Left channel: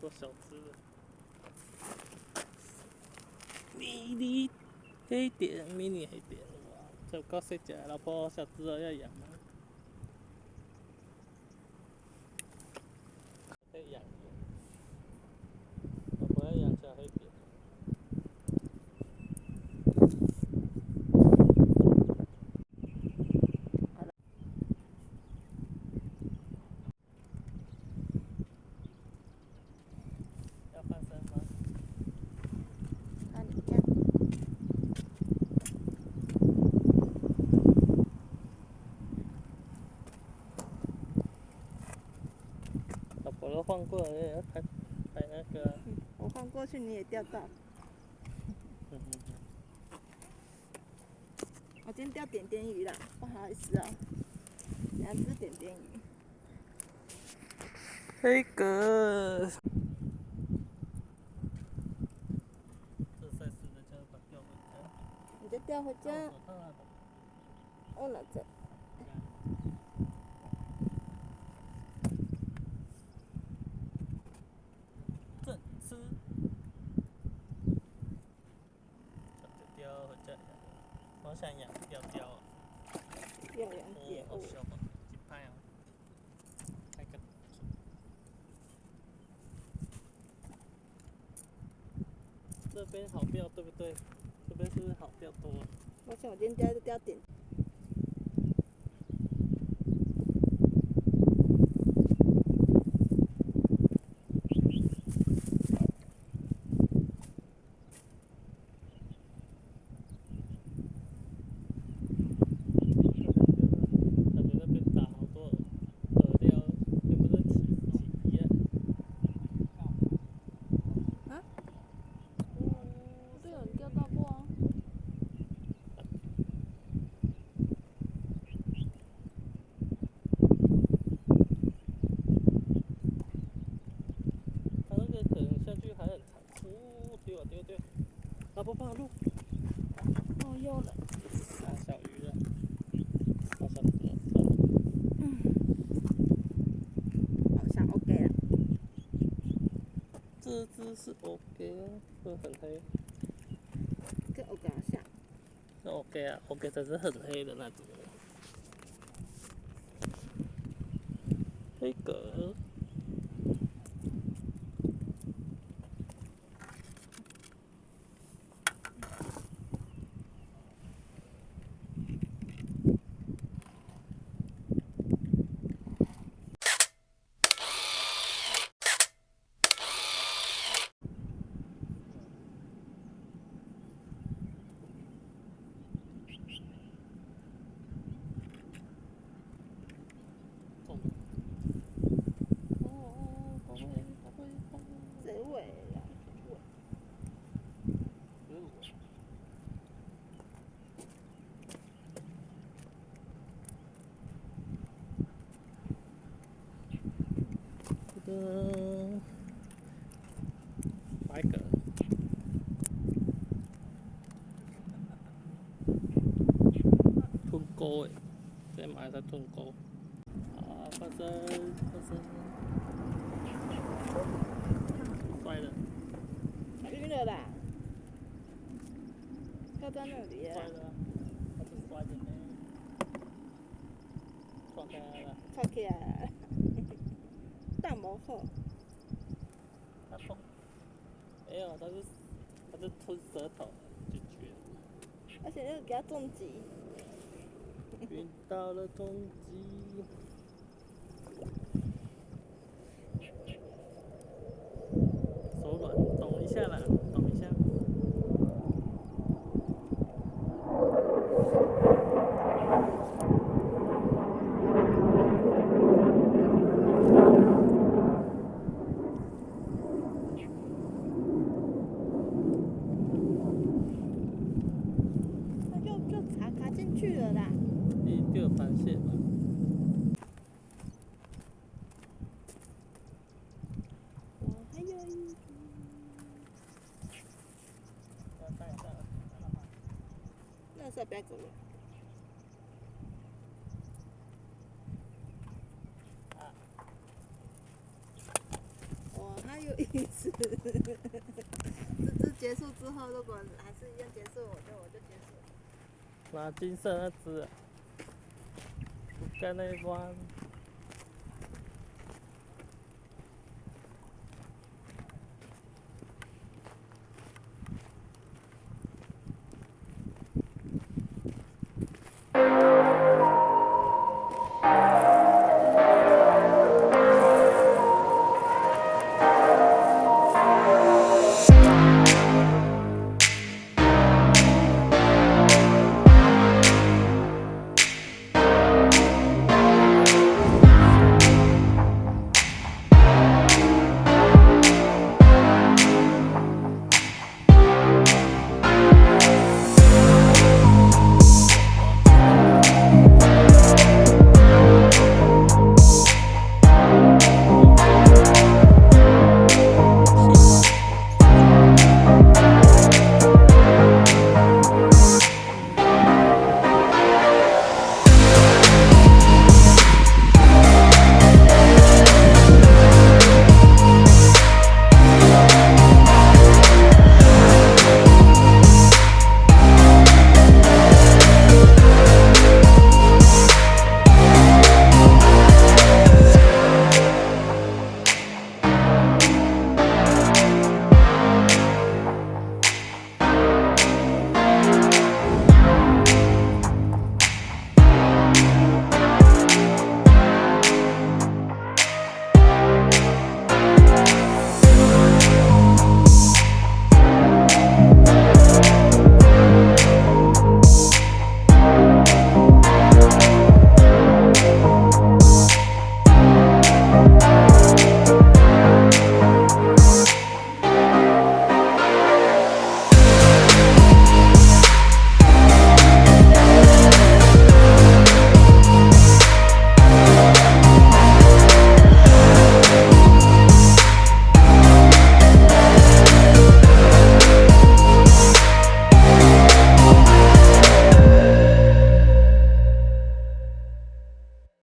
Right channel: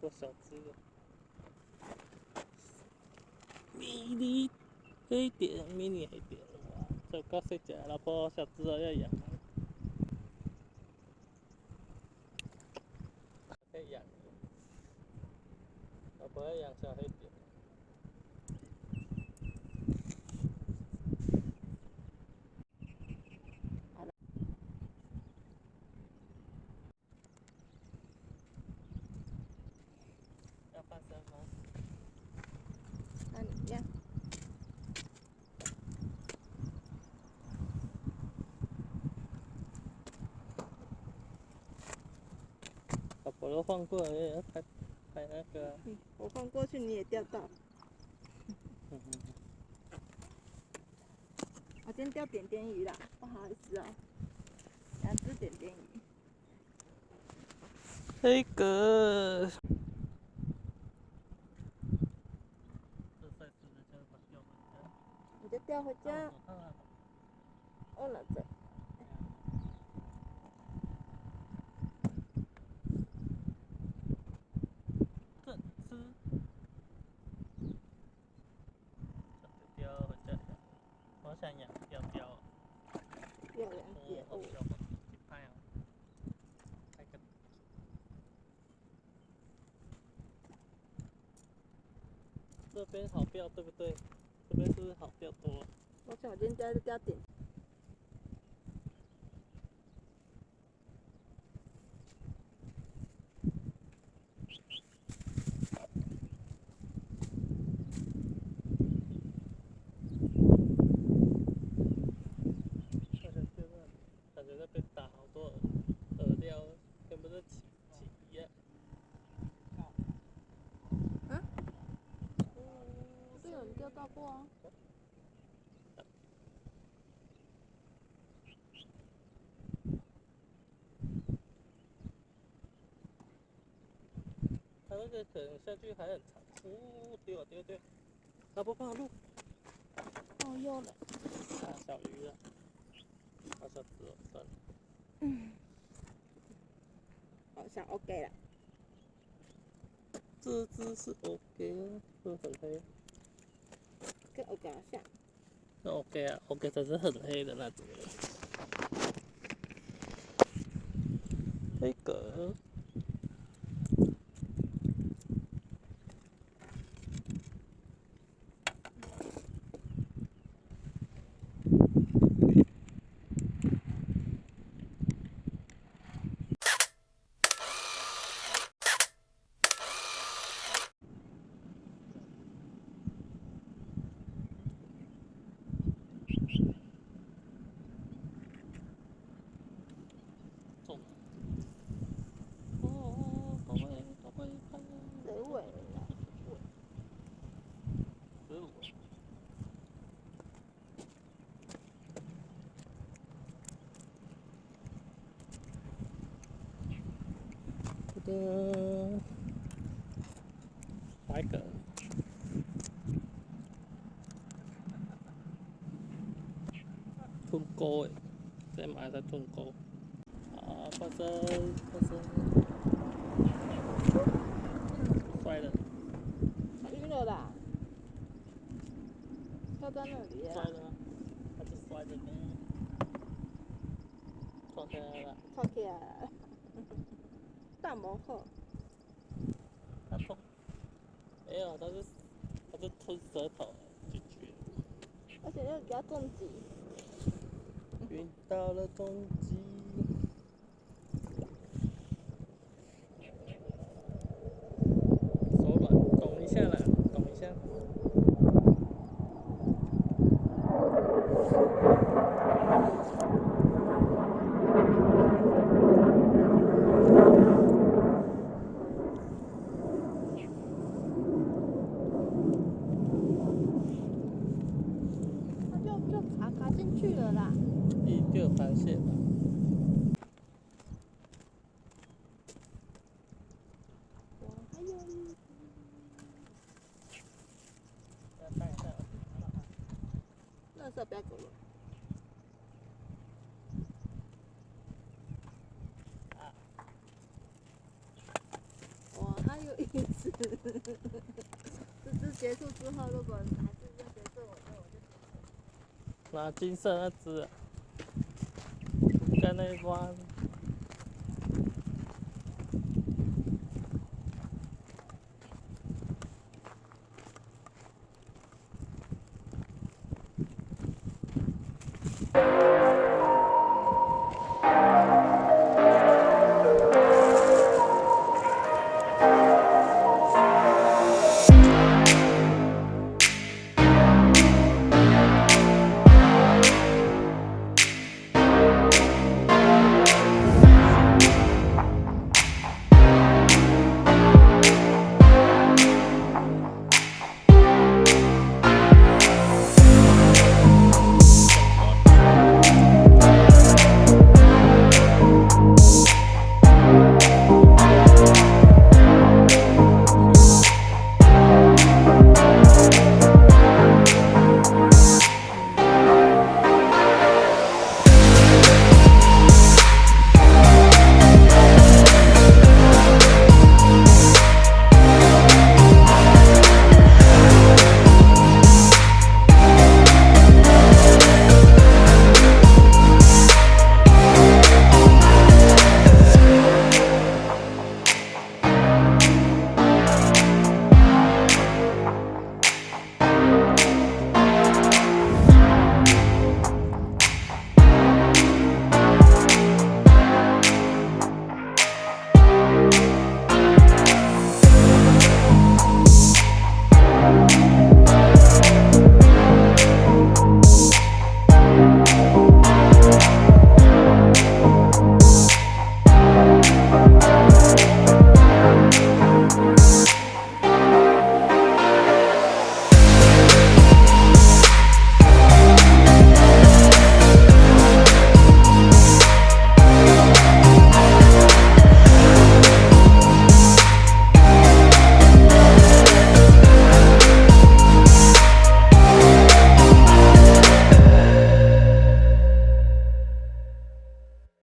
多小只的，mini 黑点，mini 黑点，这高谁家老婆小只了要养，可以养，老婆要养小黑点。生吗？那你这样，老婆都晃过来了，要拍那个、啊。我晃过去你也钓到。我今天钓点点鱼啦，不好意思啊，2只点点鱼。黑格。这赛事的家把钓回家。你就钓回家。忘了这。正吃。钓回家。我想养钓钓。钓2节哦。小的，几拍哦。拍个。这边好钓对不对？这边是不是好钓多啊？我想我今天钓点。感觉那边打好多饵料，又不是起鱼啊。啊？这边有人钓到过啊。它那个可能下去还很长。哦，丢啊丢丢！老婆帮我录。哦，有了。大小鱼了。大小子了，算了。好像 OK 了。这只是 OK 啊，这很黑。跟 OK 好像。那 OK 啊 ，OK 才是很黑的那种。黑格。白鸽，吞钩诶，这买在吞钩。啊，发生，摔了。晕了啦。跳在那里。摔了，它是摔的呢。撞起来了。跳起来了。大魔后。它痛。没有，它是吞舌头进去。而且又给它重击。晕到了重击。手软，动一下啦，动一下。它就卡进去了啦。一个螃蟹吧。还有。垃圾不要给我。哇，还有一只。这只结束之后，如果还是一样结束，我就结束。拿金色那只，不干那一关。